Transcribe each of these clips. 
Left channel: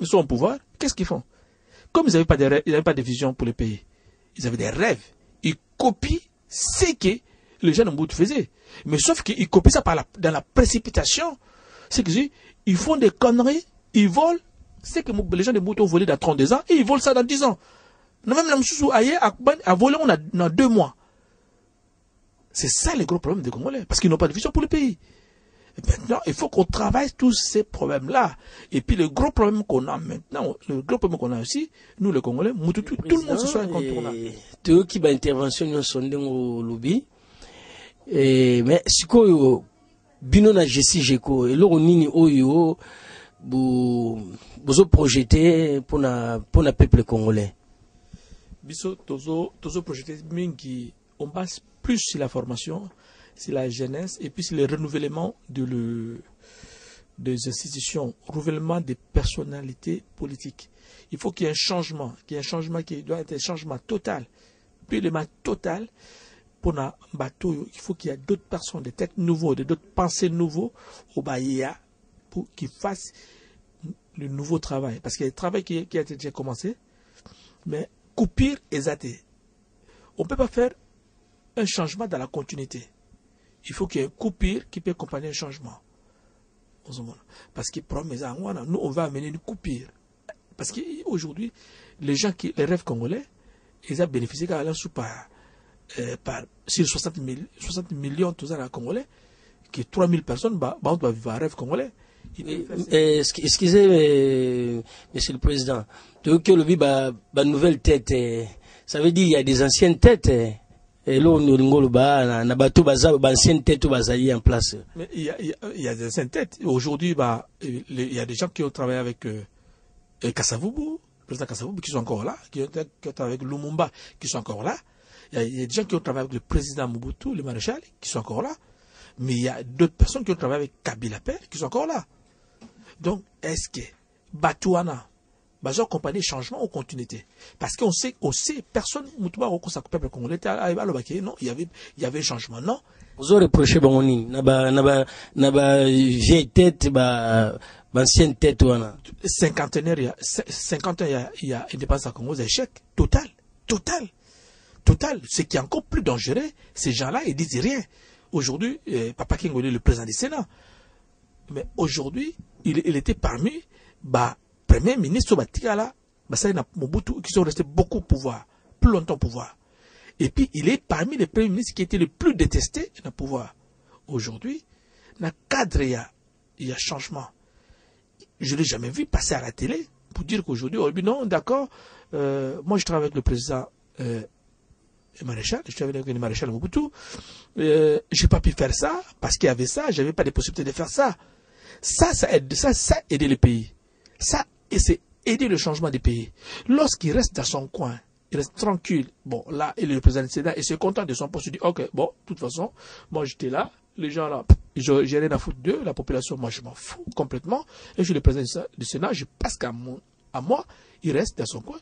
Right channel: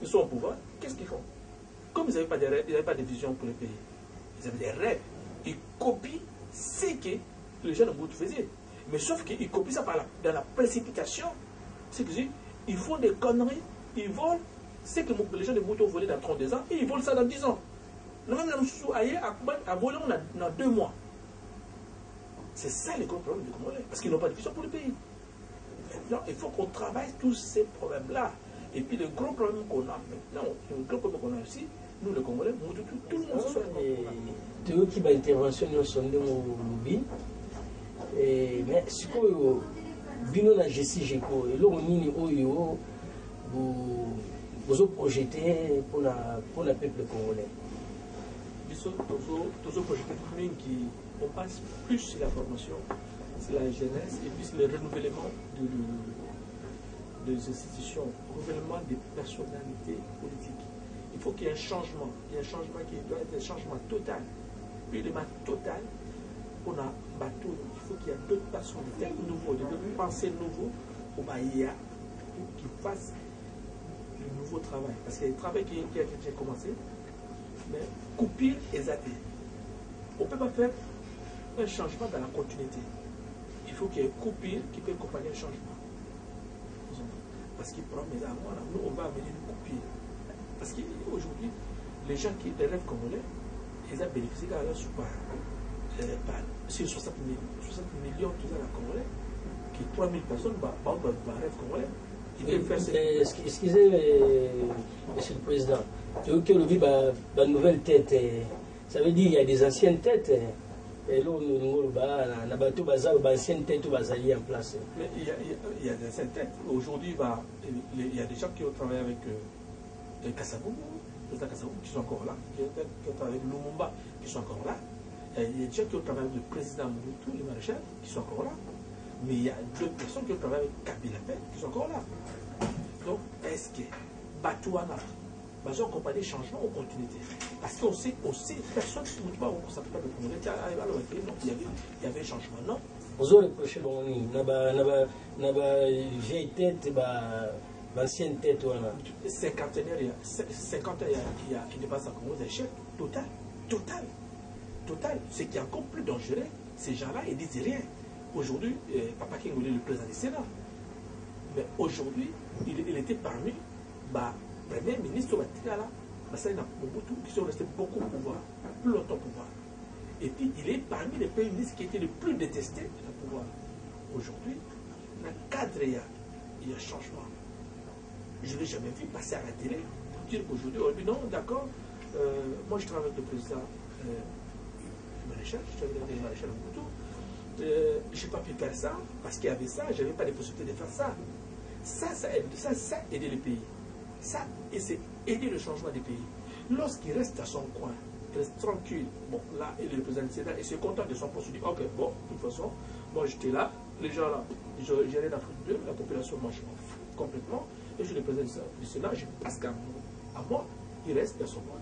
ils sont au pouvoir, qu'est-ce qu'ils font? Comme ils n'avaient pas de vision pour le pays, ils avaient des rêves. Ils copient ce que les gens de Mobutu faisaient. Mais sauf qu'ils copient ça dans la précipitation. C'est que ils font des conneries, ils volent. C'est que les gens de Mobutu ont volé dans 32 ans et ils volent ça dans 10 ans. Même la Moussou a volé dans 2 mois. C'est ça le gros problème des Congolais. Parce qu'ils n'ont pas de vision pour le pays. Et maintenant, il faut qu'on travaille tous ces problèmes-là. Et puis le gros problème qu'on a maintenant, le gros problème qu'on a aussi, nous les Congolais, tout le monde se soit incontournable. Tout qui va intervention nous sondé au lobby. Mais ce que bino na Jessi Jeko et l'eau nini oyo vous projeté pour le peuple congolais. Biso tozo projeté qui on passe plus sur la formation, sur la jeunesse et puis sur le renouvellement des institutions, renouvellement des personnalités politiques. Il faut qu'il y ait un changement, qui doit être un changement total. Puis le total, pour un bateau, il faut qu'il y ait d'autres personnes, des têtes nouveaux, d'autres pensées nouveaux au Bahia pour qu'ils fassent le nouveau travail. Parce qu'il y a un travail qui a été déjà commencé, mais coupure et zaté. On ne peut pas faire un changement dans la continuité. Il faut qu'il y ait une coupure qui peut accompagner un changement. Parce que nous, on va amener une coupure. Parce qu'aujourd'hui, les rêves congolais, ils ont bénéficié quand même sur 60 millions tout ça à Congolais, qui 3000 personnes, rêve congolais. Excusez, Monsieur le Président, que le nouvelle tête, ça veut dire qu'il y a des anciennes têtes. Et là, on a anciennes têtes en place. Mais il y a des anciennes têtes. Aujourd'hui, il y a des gens qui ont travaillé avec Kasavubu, le président Kasavubu, qui sont encore là, qui ont travaillé avec Lumumba, qui sont encore là. Il y a des gens qui ont travaillé avec le président Mobutu, le maréchal, qui sont encore là. Mais il y a d'autres personnes qui ont travaillé avec Kabila Père, qui sont encore là. Donc, est-ce que Batouana va accompagner changement ou continuité? Parce qu'on sait, personne ne peut pas peuple congolais. Non, il y avait un changement, non? Vous avez reproché Bangoni, n'a vieille tête, ancienne tête. 50 ans, il y a indépendance à Congo, échec total. Ce qui est encore plus dangereux, ces gens-là, ils disent rien. Aujourd'hui, Papa Kingo est le président du Sénat. Mais aujourd'hui, il était parmi Premier ministre Batikala, Mobutu, qui sont restés beaucoup au pouvoir, plus longtemps au pouvoir. Et puis, il est parmi les premiers ministres qui étaient les plus détestés dans le pouvoir. Aujourd'hui, dans le cadre, il y a changement. Je ne l'ai jamais vu passer à la télé pour dire qu'aujourd'hui, non, d'accord, moi je travaille avec le président maréchal, je travaille avec le maréchal Mobutu. Je n'ai pas pu faire ça parce qu'il y avait ça, je n'avais pas de possibilité de faire ça. Ça aide le pays. Ça, c'est aider le changement du pays. Lorsqu'il reste à son coin, il reste tranquille. Bon, là, il est le président du Sénat et c'est content de son poste. Il dit, ok, bon, de toute façon, moi j'étais là, les gens là, j'ai rien à foutre d'eux, la population, moi je m'en fous complètement. Et je suis le président du Sénat, je passe à moi, il reste dans son coin.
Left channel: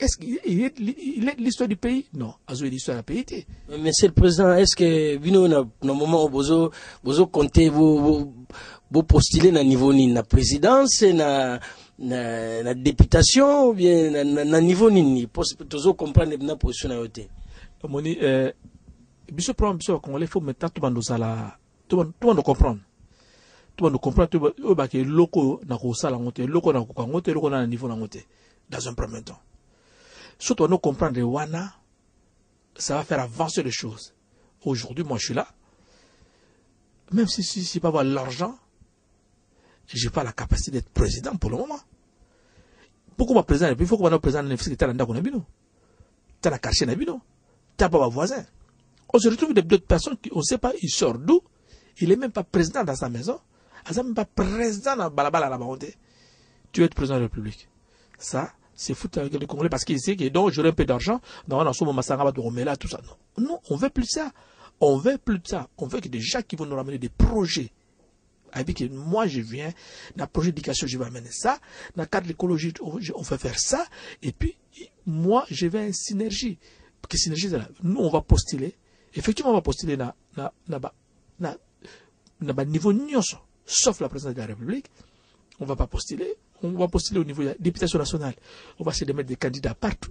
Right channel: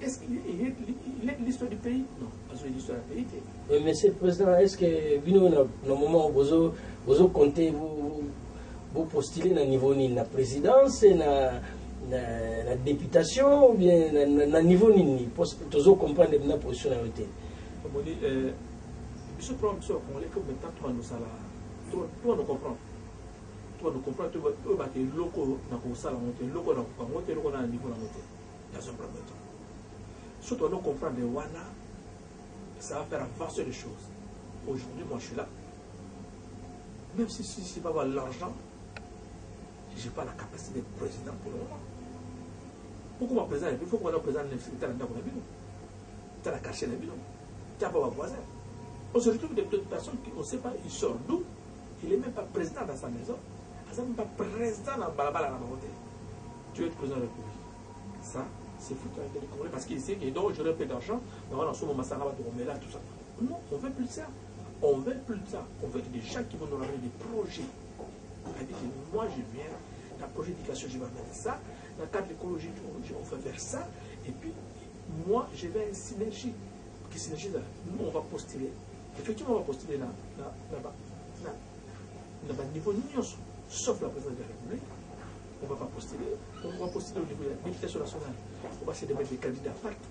Est-ce qu'il est l'histoire du pays? Non, il est l'histoire de la pays. Monsieur le Président, est-ce que, dans le moment où vous comptez, vous postulez à niveau de la présidence, la députation, ou bien à niveau de vous comprendre la position de la côté? Le problème, il faut maintenant tout le monde comprendre. Tout le monde comprend que le loco n'a pas ça, le loco n'a pas un niveau dans un premier temps. Surtout, nous comprendre Wana, ça va faire avancer les choses. Aujourd'hui, moi je suis là. Même si je ne peux pas avoir l'argent, je n'ai pas la capacité d'être président pour le moment. Pourquoi moi président? Il faut qu'on ait président de l'université qui est dans le bino. Tu as la quartier dans le bino. Tu n'as pas voisin. On se retrouve avec d'autres personnes qui, on ne sait pas, il sort d'où. Il n'est même pas président dans sa maison. Il n'est même pas président dans Balabala la Baroté. Tu veux être président de la République. Ça, c'est foutu avec les Congolais parce qu'ils sait que donc j'aurai un peu d'argent. Donc on a son Massara de Romela, tout ça. Non, on ne veut plus ça. On veut plus de ça. On veut que des gens qui vont nous ramener des projets. Avec que moi je viens, dans le projet d'éducation, je vais amener ça. Dans le cadre de l'écologie, on va faire ça. Et puis, moi, je vais à une synergie. Parce que synergie, c'est là. Nous, on va postuler. Effectivement, on va postuler dans le niveau Nyonso, sauf la présidence de la République. On ne va pas postuler. on va postuler au niveau de la députation nationale. On va se mettre des candidats partout.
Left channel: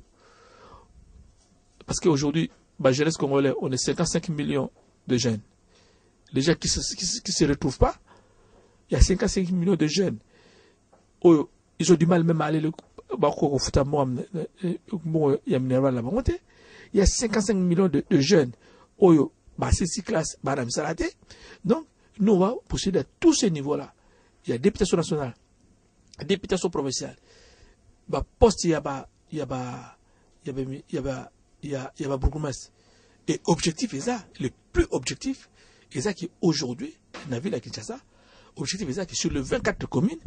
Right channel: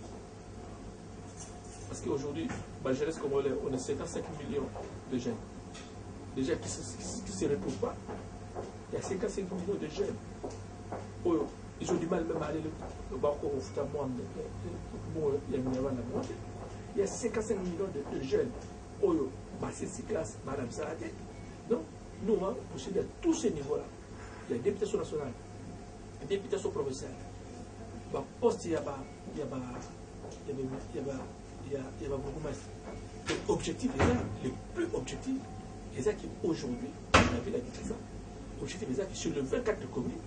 Parce qu'aujourd'hui, la jeunesse congolaise, on est 55 millions de jeunes. Les gens qui ne se retrouvent pas, il y a 55 millions de jeunes. Ils ont du mal même à aller il y a 55 millions de jeunes. C'est 6 classes. Donc, nous, on va postuler à tous ces niveaux-là. Il y a députation nationale, députation provinciale. Poste, il y a bourgmestre. Et objectif est ça, le plus objectif, est ça qui aujourd'hui, on a vu la Kinshasa, objectif est ça que sur les 24 communes,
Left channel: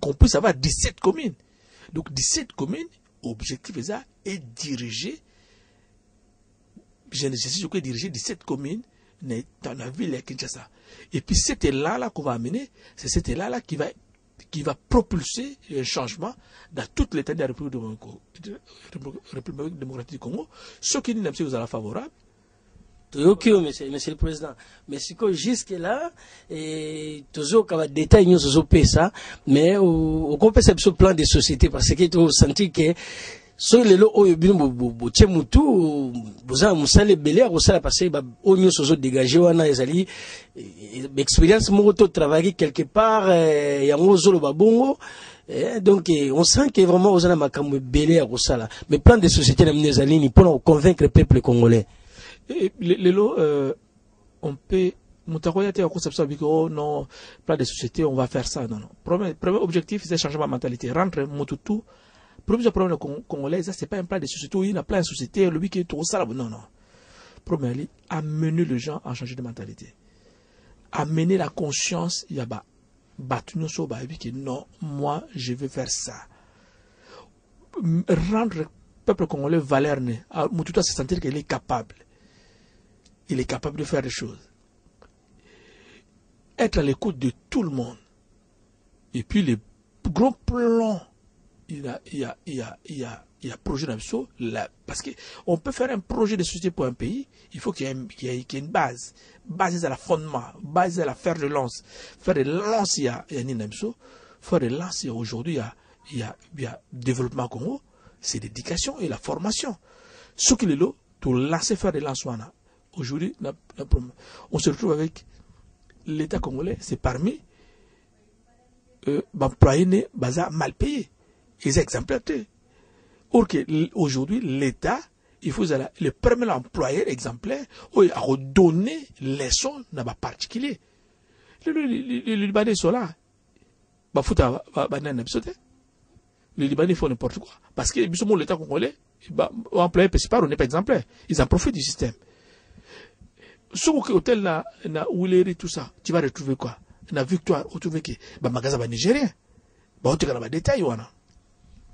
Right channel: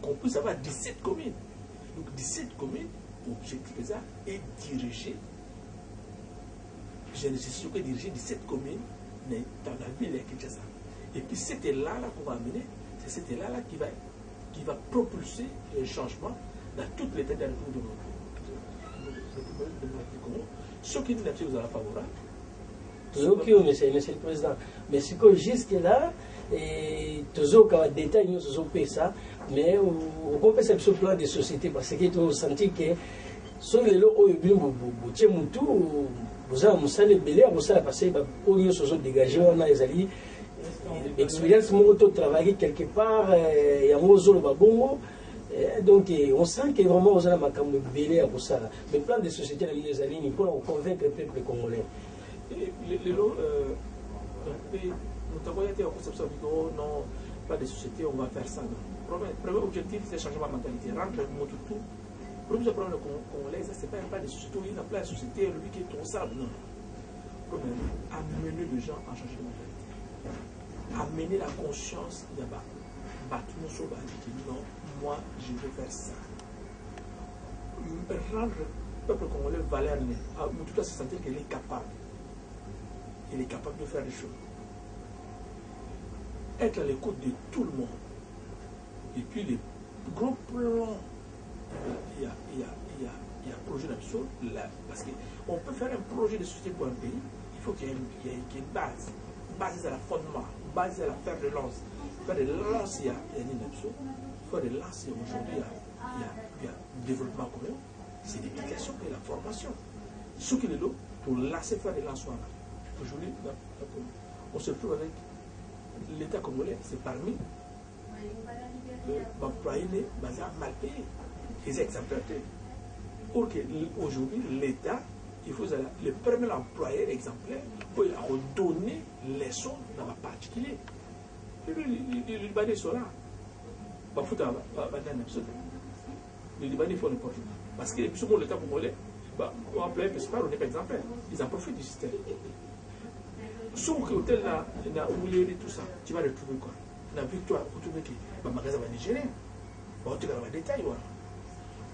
qu'on puisse avoir 17 communes. Donc 17 communes, objectif est ça, et diriger, je nécessite que diriger 17 communes dans la ville de Kinshasa. Et puis cet élan-là qu'on va amener, c'est cet élan-là qui va propulser le changement dans toute l'état de la République démocratique du Congo. Ce qui nous vous sera favorable. Ok, monsieur le Président. Mais c'est que jusque-là, toujours quand on détaille nous ça, mais on peut faire ce plan de société parce que tu sens que sur les lots où il y a vous avez belé vous savez parce que nous sommes dégagés on a les expérience moi travailler quelque part il y a un zolo babongo. Donc on sent que vraiment vous avez makambo belé à ça. Mais plan de société nous allons pour convaincre le peuple congolais. Les lots, on peut. Oh non, plan de société, on va faire ça. Non. Premier objectif, c'est changer ma mentalité. Rendre Motutu. Premier problème congolais, ça, c'est pas un plan de société. Il y a un plan de société, le but qui est tout ça. Non, non. Premier, amener les gens à changer de mentalité. Amener la conscience, il y a non, moi, je veux faire ça. Rendre le peuple congolais valeur. Motutu se sentir qu'il est capable. Il est capable de faire des choses. Être à l'écoute de tout le monde. Et puis les gros plans, il y a projet d'absolu. Parce qu'on peut faire un projet de société pour un pays, il faut qu'il y ait une base. Base à la fondement, base à la fer de lance. Faire de lance, il y a un absolu. Faire de lance, aujourd'hui, il y a développement Congo, c'est l'éducation et la formation. Ce qu'il est là, pour lancer faire de lance. Aujourd'hui, on se retrouve avec l'État congolais, c'est parmi employés mal payés. Ils sont exemplaires. Or aujourd'hui, l'État, il faut le premier employé exemplaire, il a redonné les sons dans un particulier. Les Libanais sont là. Les Libanais font n'importe quoi. Parce que l'État congolais, employé principal, on n'est pas exemplaire. Ils en profitent du système. Sur l'hôtel là, où les tout ça, tu vas retrouver quoi? La victoire, tu trouves que le magasin nigérien. Tu vas détail.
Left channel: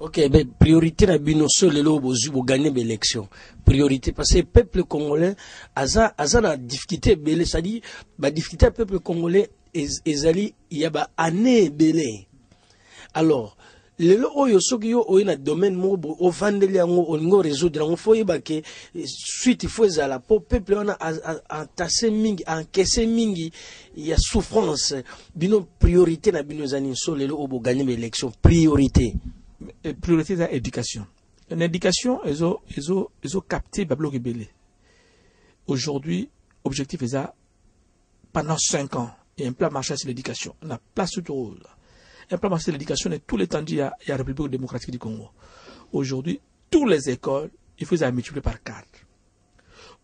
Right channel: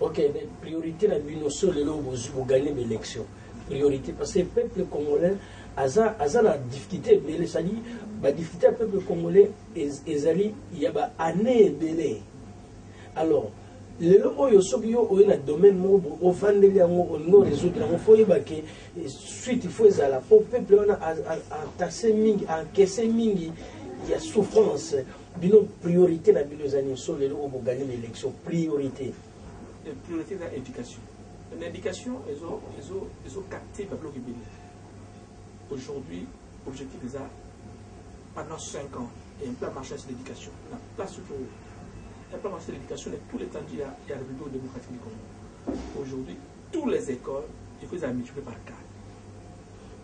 Ok, mais priorité la binoso le lobo pour gagner l'élection. Priorité parce que le peuple congolais a la difficulté belé, c'est-à-dire la difficulté du peuple congolais il y a année belé. Alors le oyo soki yo oyo na domaine moko o vandeli yango oningo résoudre yango faut yeba ke suite il faut ezala po peuple on a entassé mingi encaissé mingi il y a souffrance bino priorité na bino zani so lelo obo gagner l'élection priorité c'est l'éducation. L'éducation ils ont capté bablo kebele. Aujourd'hui objectif est ça pendant 5 ans il y a un plan marché sur l'éducation on a place tout. Un plan marché de l'éducation est tout l'étendue il y a la République démocratique du Congo. Aujourd'hui, toutes les écoles, il faut les multiplier par 4.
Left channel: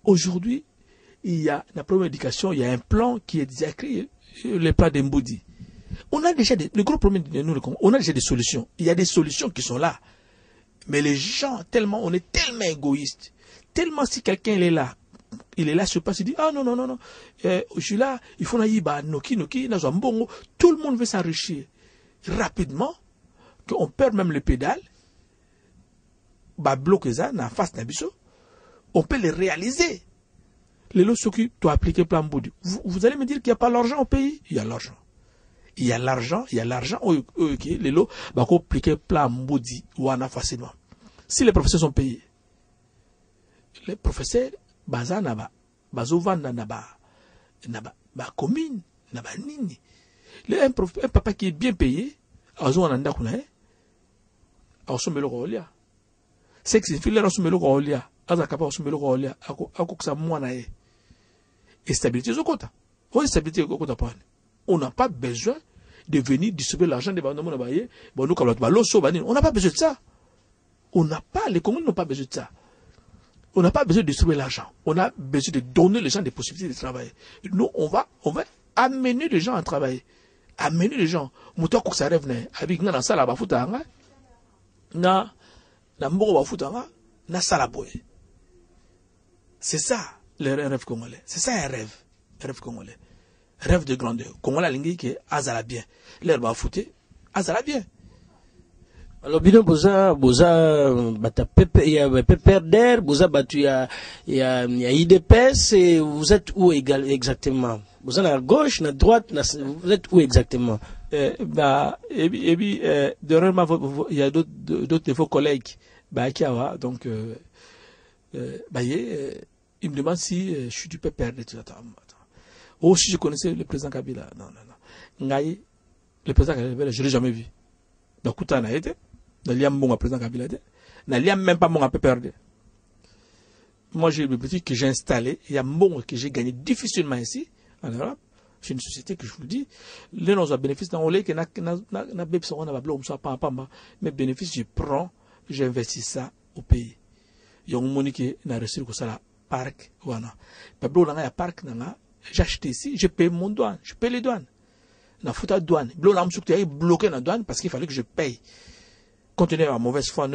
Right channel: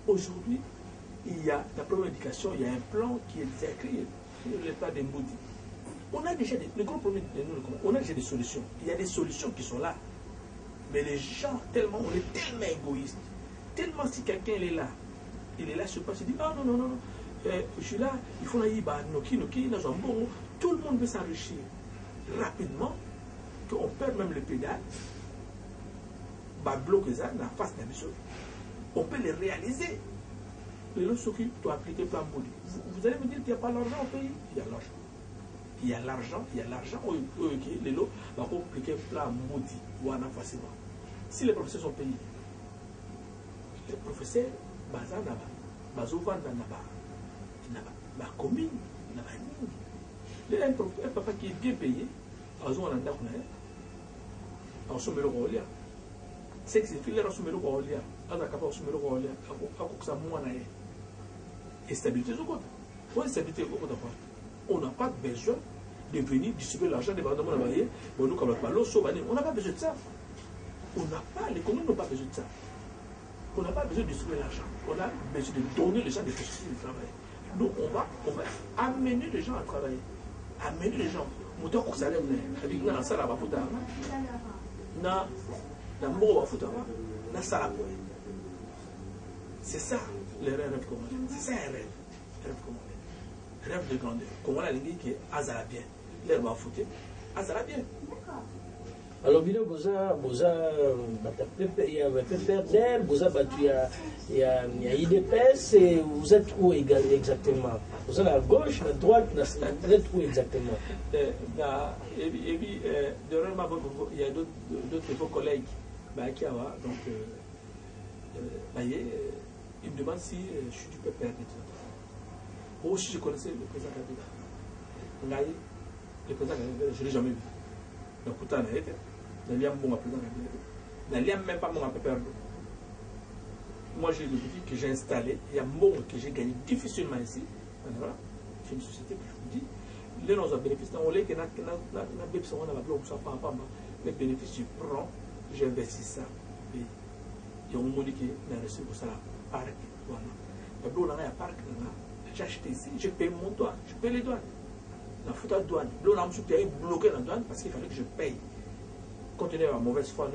Aujourd'hui, il y a la première éducation, il y a un plan qui est déjà écrit, le plan d'Emboudi. On a déjà le gros problème de nous, le Congo, on a déjà des solutions. Il y a des solutions qui sont là. Mais les gens, on est tellement égoïstes. Tellement si quelqu'un est là, sur place, il dit, ah non, je suis là, il faut naïba, noki, tout le monde veut s'enrichir. Rapidement, qu'on perd même le pédale, bloquer ça en face d'Abisso, on peut les réaliser. Les lots qui doivent appliquer plan Boudi. Vous allez me dire qu'il n'y a pas l'argent au pays? Il y a l'argent. Il y a l'argent, les lots vont appliquer plan Boudi ou en facilement. Si les professeurs sont payés, les professeurs, bazanaba, bazovanda naba, commune, naba nini. Un papa qui est bien payé, a somelo rolia c'est que c'est fille là somelo rolia aza capable somelo rolia ako ça moi na et stabilité au côté faut stabilité au côté pas on n'a pas besoin de venir distribuer l'argent de bandes na baye bon nous comme loso bani on n'a pas besoin de ça on n'a pas les communes n'ont pas besoin de ça on n'a pas besoin de distribuer l'argent on a besoin de donner les gens des possibilités de travailler nous on va amener les gens à travailler amener les gens muto ko sa rêve ne avec na sala ba futa nga na mboko ba futa nga na sala boy c'est ça le rêve congolais c'est ça un rêve congolais rêve de grandeur congolais lingi que azala bien l'air ba futé azala bien. Alors bino boza bata il y a PPRD boza batu il y a IDPS et vous êtes où exactement? Vous êtes à gauche, à droite, vous êtes où exactement? Dernièrement, il y a d'autres de vos collègues qui ont donc ils me demandent si je suis du PPRD. Ou si je connaissais le président Kabila. Non. Le président Kabila, je ne l'ai jamais vu. Donc, tout a été. Je n'ai pas président Kabila. Je n'ai même pas mon PPRD. Moi, j'ai le petit que j'ai installé. Il y a un bon que j'ai gagné difficilement ici. Alors, c'est une société que je vous dis, les gens ont bénéfice dans le que mes bénéfices, je prends, j'investis ça au pays. Il y a un monde qui a reçu pour ça, parc, voilà. Mais il y a un parc, j'ai acheté ici, je paye mon douane, je paye les douanes. Je fais la douane. Je suis bloqué dans la douane parce qu'il fallait que je paye. Continuer à mauvaise foi,